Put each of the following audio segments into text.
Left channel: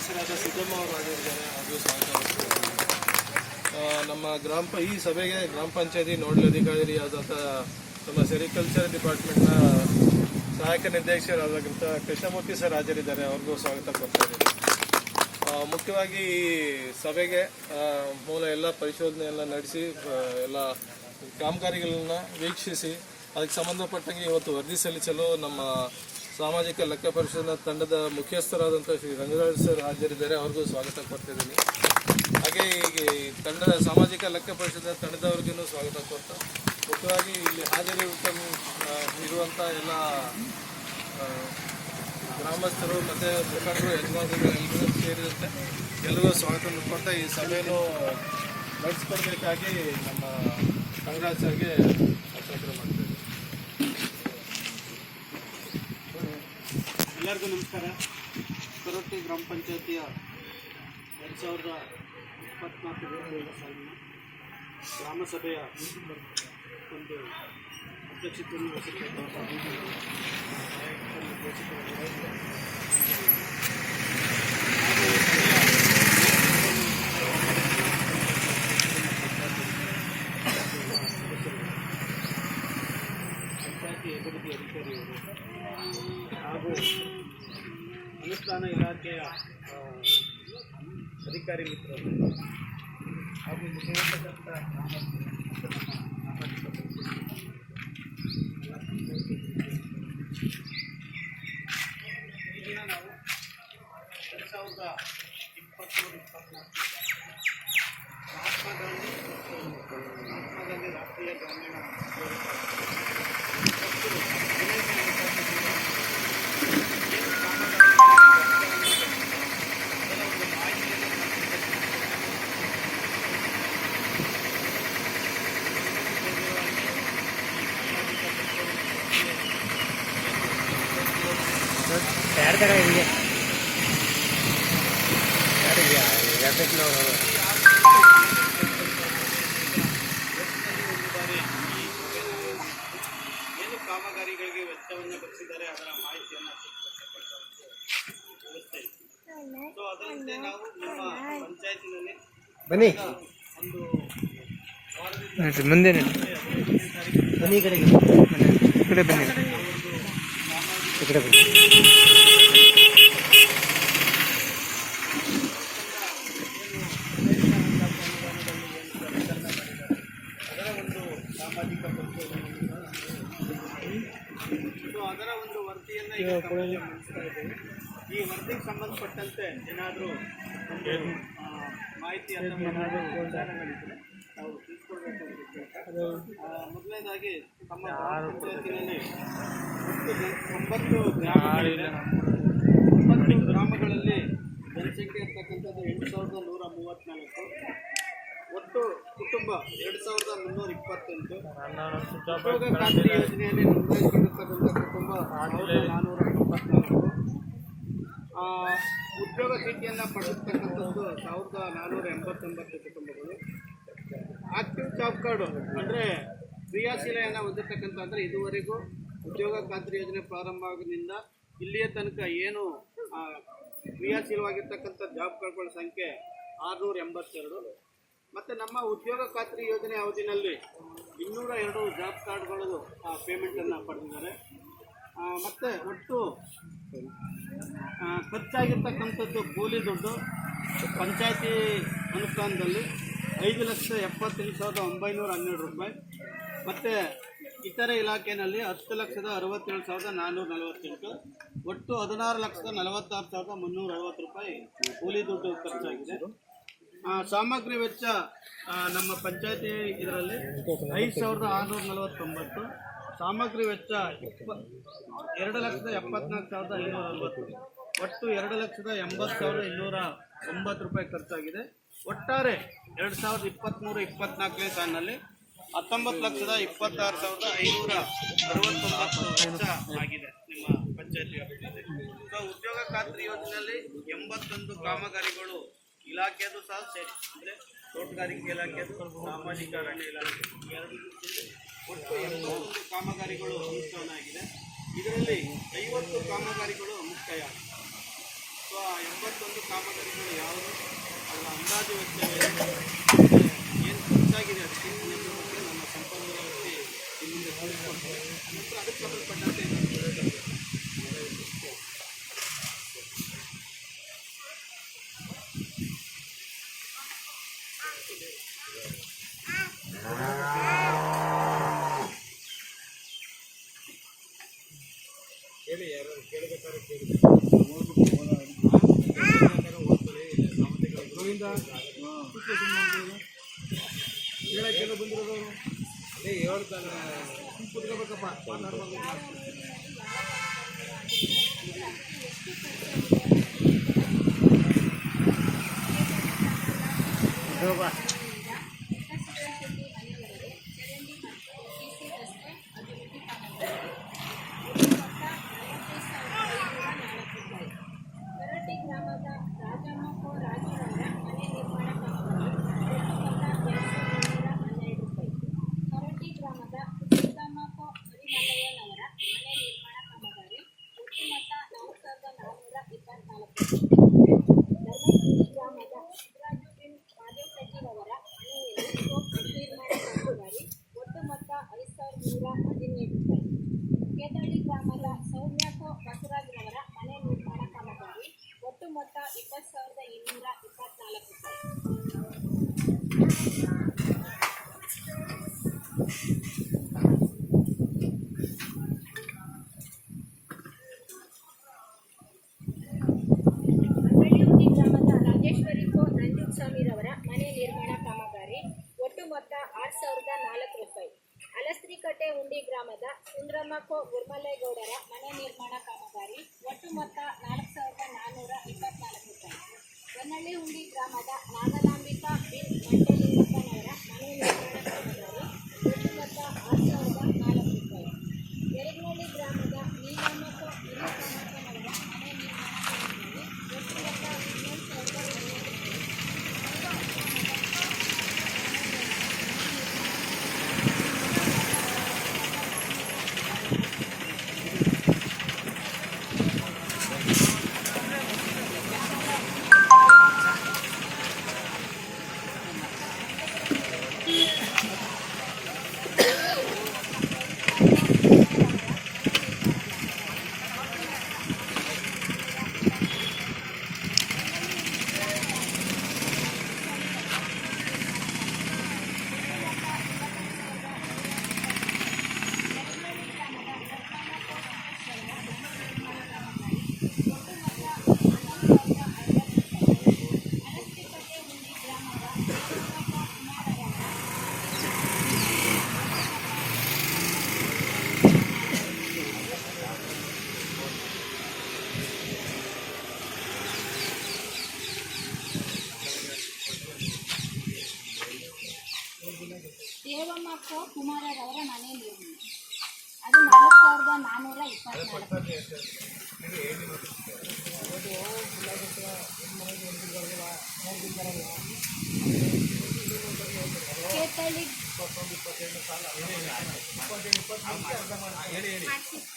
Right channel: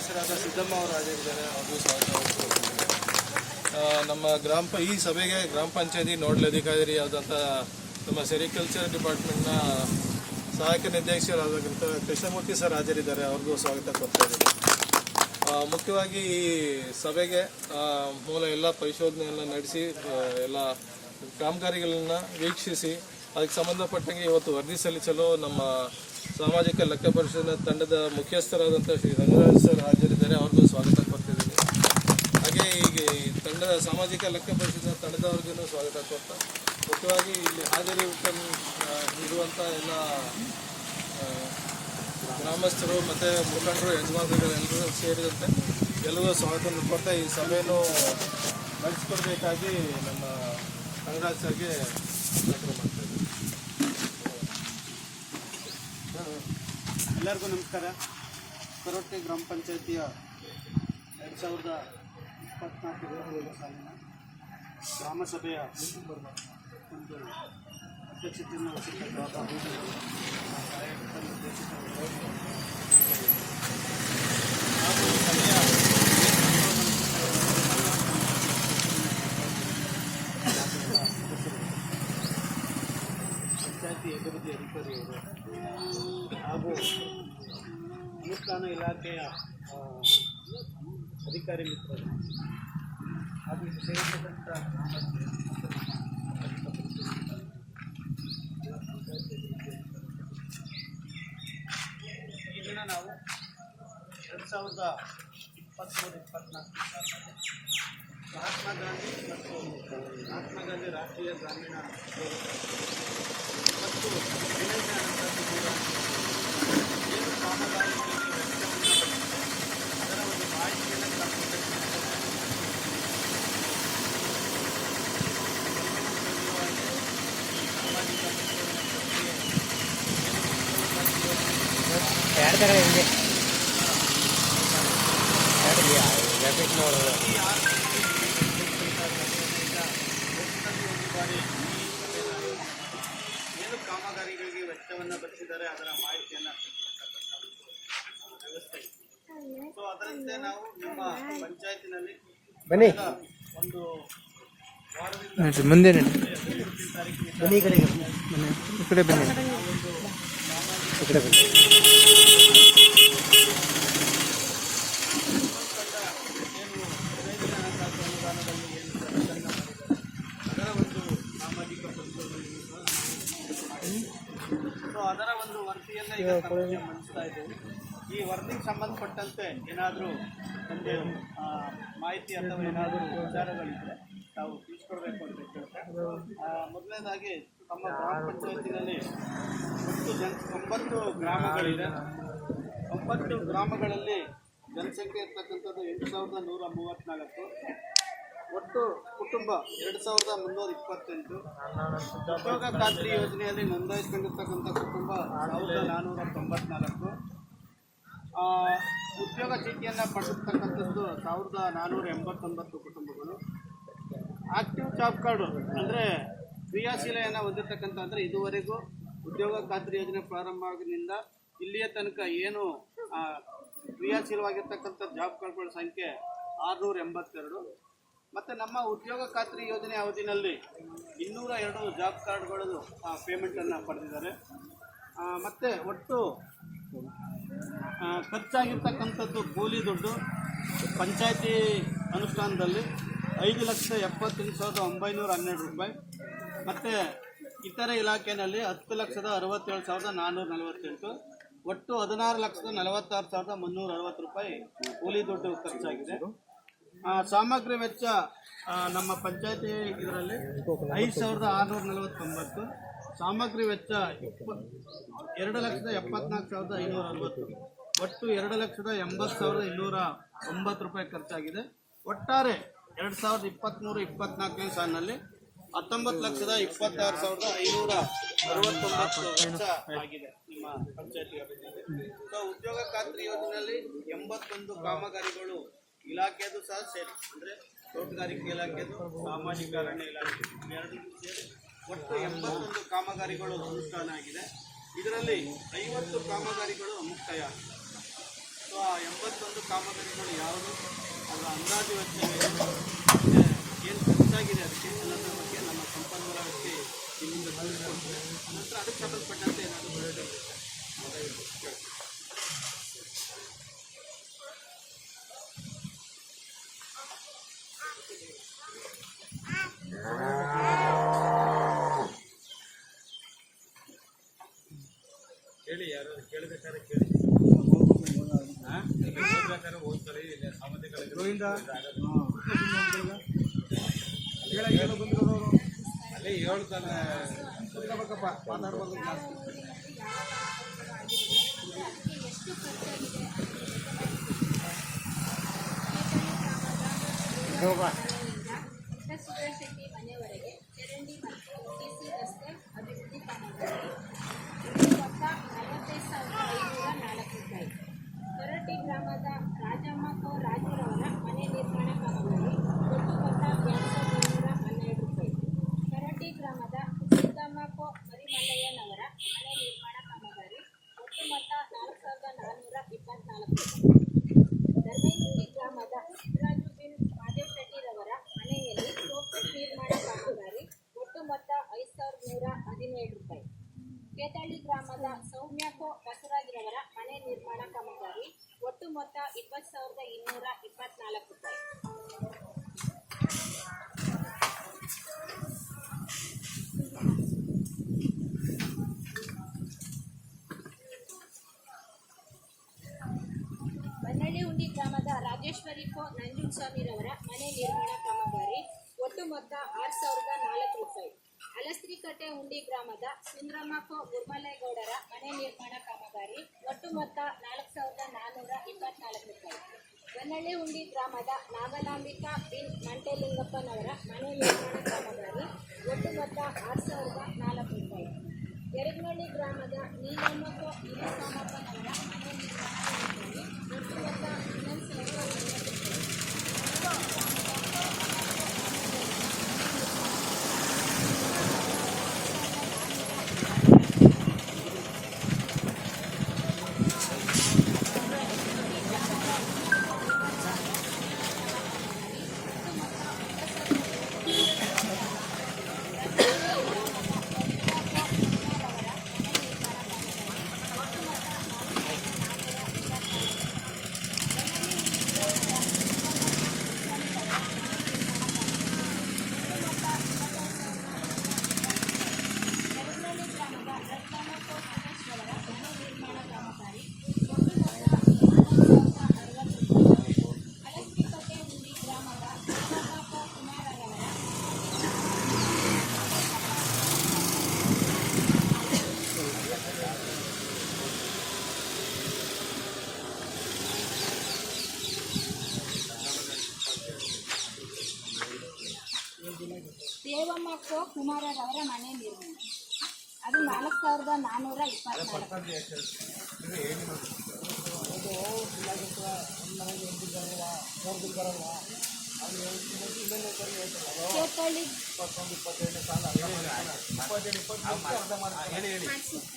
ಸದಸ್ಯರಾದ ಸಿದ್ದಮ್ಮ ಅವರು ಹಾಜರಿದ್ದಾರೆ. ಅವರು ಸ್ವಾಗತ. ನಮ್ಮ ಈ ಸಭೆಗೆ ಗ್ರಾಮ ಪಂಚಾಯತಿ ನೋಡಲಾಧಿಕಾರಿಯಾದಂಥ ನಮ್ಮ ಸೆರಿಕಲ್ಚರ್ ಡಿಪಾರ್ಟ್ಮೆಂಟ್ನ ಸಹಾಯಕ ನಿರ್ದೇಶಕರಾದಂಥ ಕೃಷ್ಣಮೂರ್ತಿ ಸರ್ ಹಾಜರಿದ್ದಾರೆ. ಅವ್ರಿಗೂ ಸ್ವಾಗತ ಕೊಡ್ತಾ ಇದ್ದೀನಿ. ಮುಖ್ಯವಾಗಿ ಈ ಸಭೆಗೆ ಮೂಲ ಎಲ್ಲ ಪರಿಶೋಧನೆಯನ್ನು ನಡೆಸಿ ಎಲ್ಲ ಕಾಮಗಾರಿಗಳನ್ನು ವೀಕ್ಷಿಸಿ ಅದಕ್ಕೆ ಸಂಬಂಧಪಟ್ಟಂಗೆ ಇವತ್ತು ವರದಿ ಸಲ್ಲಿಸಲು ನಮ್ಮ ಸಾಮಾಜಿಕ ಲೆಕ್ಕ ಪರಿಶೋಧನಾ ತಂಡದ ಮುಖ್ಯಸ್ಥರಾದಂಥ ಶ್ರೀ ರಂಗರಾಜ್ ಸರ್ ಹಾಜರಿದ್ದಾರೆ. ಅವ್ರಿಗೂ ಸ್ವಾಗತ ಕೊಡ್ತಿದ್ದೀನಿ. ಹಾಗೆ ಈಗ ತಂಡದ ಸಾಮಾಜಿಕ ಲೆಕ್ಕ ಪರಿಶೋಧನಾ ತಂಡದವ್ರಿಗೂ ಸ್ವಾಗತ ಕೊಡ್ತಾ ಮುಖ್ಯವಾಗಿ ಇಲ್ಲಿ ಇರುವಂಥ ಎಲ್ಲ ಗ್ರಾಮಸ್ಥರು ಮತ್ತು ಮುಖಂಡರು ಯಜಮಾನರು ಎಲ್ಲರೂ ಸೇರಿದಂತೆ ಎಲ್ಲರೂ ಸ್ವಾಗತ ಕೊಡ್ತಾ ಈ ಸಭೆಯನ್ನು ನಡೆಸ್ಕೊಡ್ಬೇಕಾಗಿ ನಮ್ಮ ರಂಗರಾಜ್ ಸರ್ಗೆ ಎಲ್ಲರಿಗೂ ನಮಸ್ಕಾರ. ಕರೋಟೆ ಗ್ರಾಮ ಪಂಚಾಯಿತಿಯ 2024 ಸಾಲಿನ ಗ್ರಾಮ ಸಭೆಯ ಒಂದು ಅಧ್ಯಕ್ಷತೆಯನ್ನು ವಹಿಸಿರ್ತಕ್ಕಂಥ ಸಹಾಯಕ ನಿರ್ದೇಶಕರು ಪಂಚಾಯತಿ ಅಭಿವೃದ್ಧಿ ಅಧಿಕಾರಿಯವರು ಹಾಗೂ ಅನುಷ್ಠಾನ ಇಲಾಖೆಯ ಅಧಿಕಾರಿ ಮಿತ್ರರು ಹಾಗೂ ಈ ದಿನ ನಾವು 2023-24 ಮಹಾತ್ಮ ಗಾಂಧಿ ಮತ್ತು ಮಹಾತ್ಮ ಗಾಂಧಿ ರಾಷ್ಟ್ರೀಯ ಗ್ರಾಮೀಣ ಉದ್ಯೋಗ ಮತ್ತು ಏನು ಕಾಮಗಾರಿ ಅದರ ಒಂದು ಮಾಹಿತಿಯನ್ನು ಸಾಮಾಜಿಕ ಏನು ಕಾಮಗಾರಿಗಳಿಗೆ ವೆಚ್ಚವನ್ನು ಭರಿಸಿದ್ದಾರೆ ಅದರ ಮಾಹಿತಿಯನ್ನು ಸಿಗತಕ್ಕಂಥ ಒಂದು ವ್ಯವಸ್ಥೆ ಇದೆ. ಸೊ ಅದರಂತೆ ನಾವು ನಿಮ್ಮ ಪಂಚಾಯತಿನಲ್ಲಿ ಒಂದು ವಾರದಿಂದ ಮುಂದೆ ಸಾಮಾಜಿಕ ಪರಿಶೋಧನೆಯನ್ನು ಸೊ ಅದರ ಒಂದು ವರದಿಯನ್ನು ಈಗ ಮಂಡಿಸ್ತಾ ಇದ್ದೇವೆ. ಈ ವರದಿಗೆ ಸಂಬಂಧಪಟ್ಟಂತೆ ಏನಾದರೂ ಒಂದು ಮಾಹಿತಿ ಅಥವಾ ಏನಾದರೂ ವಿಚಾರಗಳಿದ್ದರೆ ತಾವು ತಿಳಿಸ್ಕೊಡ್ಬೇಕು ಅಂತ ಕೇಳ್ತಾ ಮೊದಲನೇದಾಗಿ ತಮ್ಮ ಗ್ರಾಮ ಪಂಚಾಯತಿನಲ್ಲಿ ಒಟ್ಟು 9 ಗ್ರಾಮಗಳಿದೆ. 9 ಗ್ರಾಮಗಳಲ್ಲಿ ಜನಸಂಖ್ಯೆ ಇರ್ತಕ್ಕಂಥದ್ದು 8134. ಒಟ್ಟು ಕುಟುಂಬ 2328. ಉದ್ಯೋಗ ಖಾತ್ರಿ ಯೋಜನೆಯಲ್ಲಿ ನೋಂದಾಯಿಸಿಕೊಂಡಿರ್ತಕ್ಕಂಥ ಕುಟುಂಬ 1494. ಉದ್ಯೋಗ ಚೀಟಿಯನ್ನು ಪಡೆದಿರ್ತಕ್ಕಂಥದ್ದು 1489 ಕುಟುಂಬಗಳು. ಆಕ್ಟಿವ್ ಜಾಬ್ ಕಾರ್ಡು ಅಂದರೆ ಕ್ರಿಯಾಶೀಲೆಯನ್ನು ಹೊಂದಿರತಕ್ಕಂಥ ಅಂದರೆ ಇದುವರೆಗೂ ಉದ್ಯೋಗ ಖಾತ್ರಿ ಯೋಜನೆ ಪ್ರಾರಂಭ ಆಗಿನಿಂದ ಇಲ್ಲಿಯ ತನಕ ಏನು ಕ್ರಿಯಾಶೀಲವಾಗಿರ್ತಕ್ಕಂಥ ಜಾಬ್ ಕಾರ್ಡ್ಗಳ ಸಂಖ್ಯೆ 682. ಮತ್ತು ನಮ್ಮ ಉದ್ಯೋಗ ಖಾತ್ರಿ ಯೋಜನೆ ಅವಧಿನಲ್ಲಿ 202 ಜಾಬ್ ಕಾರ್ಡ್ಗಳು ಪೇಮೆಂಟನ್ನು ಪಡೆದಿದ್ದಾರೆ. ಮತ್ತು ಒಟ್ಟು ಖರ್ಚಾಗಿರ್ತಕ್ಕಂಥದ್ದು ಕೂಲಿ ದುಡ್ಡು ಪಂಚಾಯತಿ ಅನುಷ್ಠಾನದಲ್ಲಿ 5,78,912 ರೂಪಾಯಿ. ಮತ್ತು ಇತರೆ ಇಲಾಖೆಯಲ್ಲಿ 10,67,448. ಒಟ್ಟು 16,46,360 ರೂಪಾಯಿ ಕೂಲಿ ದುಡ್ಡು ಖರ್ಚಾಗಿದೆ. ಸಾಮಗ್ರಿ ವೆಚ್ಚ ನಮ್ಮ ಪಂಚಾಯತಿ ಇದರಲ್ಲಿ 5,649. ಸಾಮಗ್ರಿ ವೆಚ್ಚ 2,74,540. ಒಟ್ಟು 2,80,209 ರೂಪಾಯಿ ಖರ್ಚಾಗಿದೆ. ಒಟ್ಟಾರೆ 2023-24 ಸಾಲಿನಲ್ಲಿ 19,26,569 ವೆಚ್ಚ ಆಗಿದೆ ನಿಮ್ಮ ಪಂಚಾಯತಿ ಅಭಿವೃದ್ಧಿ. ಸೊ ಉದ್ಯೋಗ ಖಾತ್ರಿ ಯೋಜನೆಯಲ್ಲಿ 81 ಕಾಮಗಾರಿಗಳು ಇಲಾಖೆಯದು ಸಹ ಸೇರಿ ಅಂದರೆ ತೋಟಗಾರಿಕೆ ಇಲಾಖೆದು ಸಾಮಾಜಿಕ ಅರಣ್ಯ ಇಲಾಖೆ ಸೇರಿ ಒಟ್ಟು 81 ಕಾಮಗಾರಿಗಳು ಅನುಷ್ಠಾನ ಆಗಿದೆ. ಇದರಲ್ಲಿ 50 ಕಾಮಗಾರಿಗಳು ಮುಕ್ತಾಯ ಆಗಿದೆ. ಸೊ ಆ 81 ಕಾಮಗಾರಿಗಳು ಯಾವುದು, ಅದರ ಅಂದಾಜು ವೆಚ್ಚವೇನು, ಏನು ಖರ್ಚಾಗಿದೆ ಅದಕ್ಕೆ ಅನ್ನೋದ್ರ ಬಗ್ಗೆ ನಮ್ಮ ಸಂಪನ್ಮೂಲ ವ್ಯಕ್ತಿ ನಿಮ್ಮಿಂದ ತಿಳಿಸ್ಕೊಡ್ತಾರೆ. ಅನಂತರ ಅದಕ್ಕೆ ಸಂಬಂಧಪಟ್ಟಂತೆ ಏನಾದರೂ ಹೇಳಿ, ಯಾರು ಕೇಳಬೇಕಾದ್ರೆ ಕೇಳಿ. ಓದ್ತಾರೆ ಬಂದಿರೋರು ಅಲ್ಲೇ ಹೇಳ್ತಾನೆ ಕುತ್ಕೋಬೇಕಪ್ಪ, ಮಾತಾಡ್ಬಾರ್ದು. ಶೆಟ್ಟಿ ಮನೆಯವರೆಗೆ ಚರಂಡಿ ಮತ್ತು ಟಿಸಿ ರಸ್ತೆ ಅಭಿವೃದ್ಧಿ ಕಾಮಗಾರಿ ಮೊತ್ತ 45,504 ರೂಪಾಯಿ. ಕರಟಿ ಗ್ರಾಮದ ರಾಜಮ್ಮ ಕೋ ರಾಜುರವರ ಮನೆ ನಿರ್ಮಾಣ ಕಾಮಗಾರಿ ಒಟ್ಟು ಮೊತ್ತ 2,212 ರೂಪಾಯಿ. ಕರಟಿ ಗ್ರಾಮದ ಸಿದ್ದಮ್ಮ ಕೋ ಮರಿಮಲ್ಲಯ್ಯನವರ ಮನೆ ನಿರ್ಮಾಣ ಕಾಮಗಾರಿ ಒಟ್ಟು ಮೊತ್ತ 4,424 ರೂಪಾಯಿ. ಧರ್ಮಗುಂಡಿ ಗ್ರಾಮದ ಸಿದ್ದರಾಜು ಬಿನ್ ಮಾದೇವ್ ಶೆಟ್ಟಿರವರ ಮನೆಯಲ್ಲಿ ಸೋಪು ನಿರ್ಮಾಣ ಕಾಮಗಾರಿ ಒಟ್ಟು ಮೊತ್ತ 5,117 ರೂಪಾಯಿ. ಕೇತಳ್ಳಿ ಗ್ರಾಮದ ಸೌಮ್ಯಕೋ ಬಸವರಾಜ್ರವರ ಮನೆ ನಿರ್ಮಾಣ ಕಾಮಗಾರಿ ಒಟ್ಟು ಮೊತ್ತ 20,224 ರೂಪಾಯಿ. ಬನ್ನಳ್ಳಿಹುಂಡಿ ಗ್ರಾಮದ ರಾಜೇಶ್ವರಿ ಕೋ ನಂಜುಂಡಸ್ವಾಮಿರವರ ಮನೆ ನಿರ್ಮಾಣ ಕಾಮಗಾರಿ ಒಟ್ಟು ಮೊತ್ತ 6,004 ರೂಪಾಯಿ. ಅಲಸ್ತ್ರಿಕಟ್ಟೆ ಹುಂಡಿ ಗ್ರಾಮದ ಸುಂದ್ರಮ್ಮ ಕೋ ಗುರ್ಮಲೇಗೌಡರ ಮನೆ ನಿರ್ಮಾಣ ಕಾಮಗಾರಿ ಒಟ್ಟು ಮೊತ್ತ 4,424 ರೂಪಾಯಿ. ಬನ್ನಳ್ಳಿಹುಂಡಿ ಗ್ರಾಮದ ನಾಗಲಾಂಬಿಕಾ ಬಿನ್ ಮಂಟೆಲಿಂಗಪ್ಪನವರ ಮನೆ ನಿರ್ಮಾಣ ಕಾಮಗಾರಿ ಒಟ್ಟು ಮೊತ್ತ 6,004 ರೂಪಾಯಿ. ಯರಗನಹಳ್ಳಿ ಗ್ರಾಮದ ನೀಲಮ್ಮ ಕೋ ನಿಲುಕಾಮಪ್ಪನವರ ಮನೆ ನಿರ್ಮಾಣ ಕಾಮಗಾರಿ ಒಟ್ಟು ಮೊತ್ತ 11,050 ರೂಪಾಯಿ. ದೇವಮ್ಮ ಕೋ ಕುಮಾರರವರ ಮನೆ ನಿರ್ಮಾಣ ಅದು 4,424.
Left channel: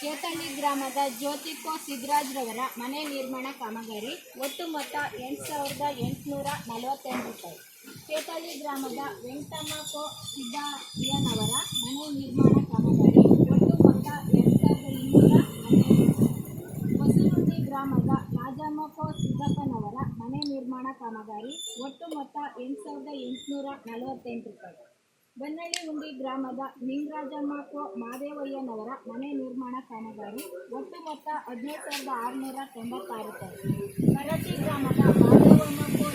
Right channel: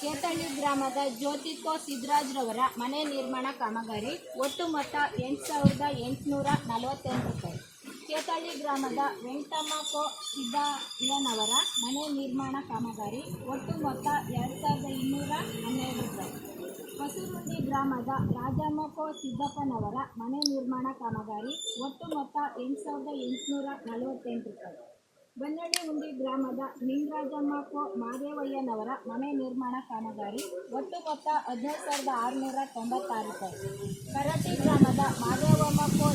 ಕೇತಳ್ಳಿ ಗ್ರಾಮದ ಜ್ಯೋತಿ ಕೋ ಸಿದ್ದರಾಜ್ರವರ ಮನೆ ನಿರ್ಮಾಣ ಕಾಮಗಾರಿ ಒಟ್ಟು ಮೊತ್ತ 8,848 ರೂಪಾಯಿ. ಕೇತಳ್ಳಿ ಗ್ರಾಮದ ವೆಂಕಟಮ್ಮ ಕೋ ಸಿದ್ದಯ್ಯನವರ ಮನೆ ನಿರ್ಮಾಣ ಕಾಮಗಾರಿ ಒಟ್ಟು ಮೊತ್ತ 2,212 ರೂಪಾಯಿ. ಹೊಸರುಂಡಿ ಗ್ರಾಮದ ರಾಜಮ್ಮ ಕೋ ಸಿದ್ದಪ್ಪನವರ ಮನೆ ನಿರ್ಮಾಣ ಕಾಮಗಾರಿ ಒಟ್ಟು ಮೊತ್ತ 8,848 ರೂಪಾಯಿ. ಬನ್ನಳ್ಳಿಹುಂಡಿ ಗ್ರಾಮದ ನಿಂಗರಾಜಮ್ಮ ಕೋ ಮಾದೇವಯ್ಯನವರ ಮನೆ ನಿರ್ಮಾಣ ಕಾಮಗಾರಿ ಒಟ್ಟು ಮೊತ್ತ 17,696 ರೂಪಾಯಿ. ಕರಟಿ ಗ್ರಾಮದ ಮಾದೇವಮ್ಮ ಕೋ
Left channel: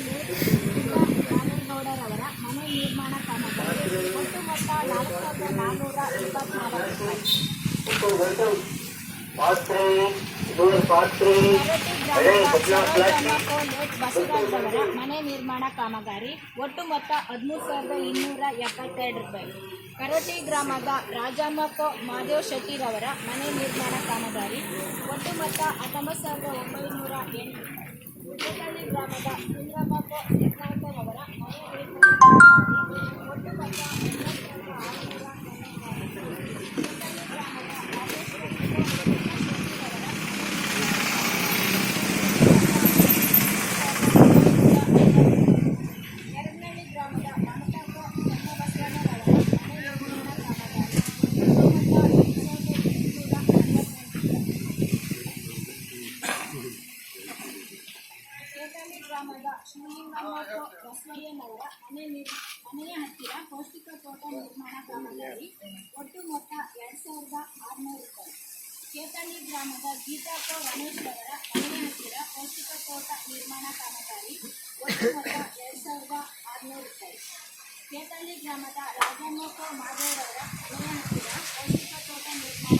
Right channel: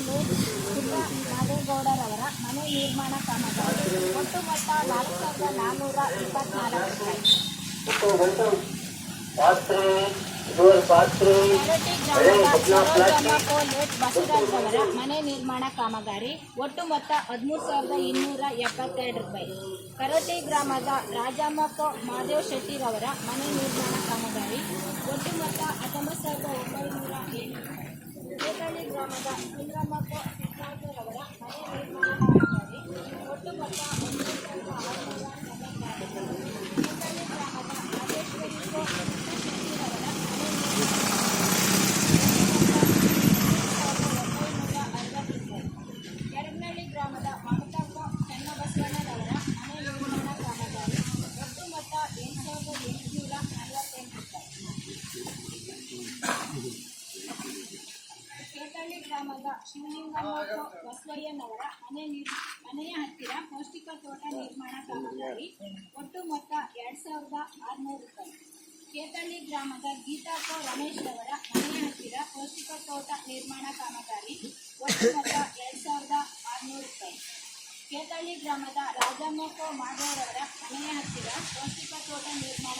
ಪುಟ್ಟ ಮಾದೇಗೌಡರವರ ಮನೆ ನಿರ್ಮಾಣ ಕಾಮಗಾರಿ ಒಟ್ಟು ಮೊತ್ತ 4,424 ರೂಪಾಯಿ. ಬಸವರಾಜ್ರವರ ಮನೆ ನಿರ್ಮಾಣ ಕಾಮಗಾರಿ ಒಟ್ಟು ಮೊತ್ತ 13,272 ರೂಪಾಯಿ. ಕರಟಿ ಗ್ರಾಮದ ರಾಜಮ್ಮ ಕೋ ಮಾದೇವ್ ಶೆಟ್ಟಿರವರ ಮನೆ ನಿರ್ಮಾಣ ಕಾಮಗಾರಿ ಒಟ್ಟು ಮೊತ್ತ 19,908. ಕೇತಳ್ಳಿ ಗ್ರಾಮದ ಸುಂದ್ರಮ್ಮ ಕೋ ಯತ್ನಾಳರವರ ಮನೆ ನಿರ್ಮಾಣ ಕಾಮಗಾರಿ ಒಟ್ಟು ಮೊತ್ತ 11,696. ಕೇತಳ್ಳಿ ಗ್ರಾಮದ ರಾಜೇಶ್ವರಿ ಕೋ ಶೆಟ್ಟಿರವರ ಮನೆ ನಿರ್ಮಾಣ ಬಸವಯ್ಯನವರ ಮನೆಯ ಹತ್ತಿರ ಪೌಷ್ಟಿಕ ತೋಟ ನಿರ್ಮಾಣ ಕಾಮಗಾರಿ ಒಟ್ಟು ಮೊತ್ತ 2,600 ರೂಪಾಯಿ. ಕೇತಳ್ಳಿ ಗ್ರಾಮದ ಗೀತಾ ಕೋ ರಮೇಶ್ ಅವರ ಮನೆಯ ಹತ್ತಿರ ಪೌಷ್ಟಿಕ ತೋಟ ನಿರ್ಮಾಣ ಕಾಮಗಾರಿ ಒಟ್ಟು ಮೊತ್ತ 2,600 ರೂಪಾಯಿ. ಕೇತಳ್ಳಿ ಗ್ರಾಮದ ರಾಜಮ್ಮ ಕೋ ಮಾಧವರವರ ಮನೆಯ ಹತ್ತಿರ ಪೌಷ್ಟಿಕ ತೋಟ ನಿರ್ಮಾಣ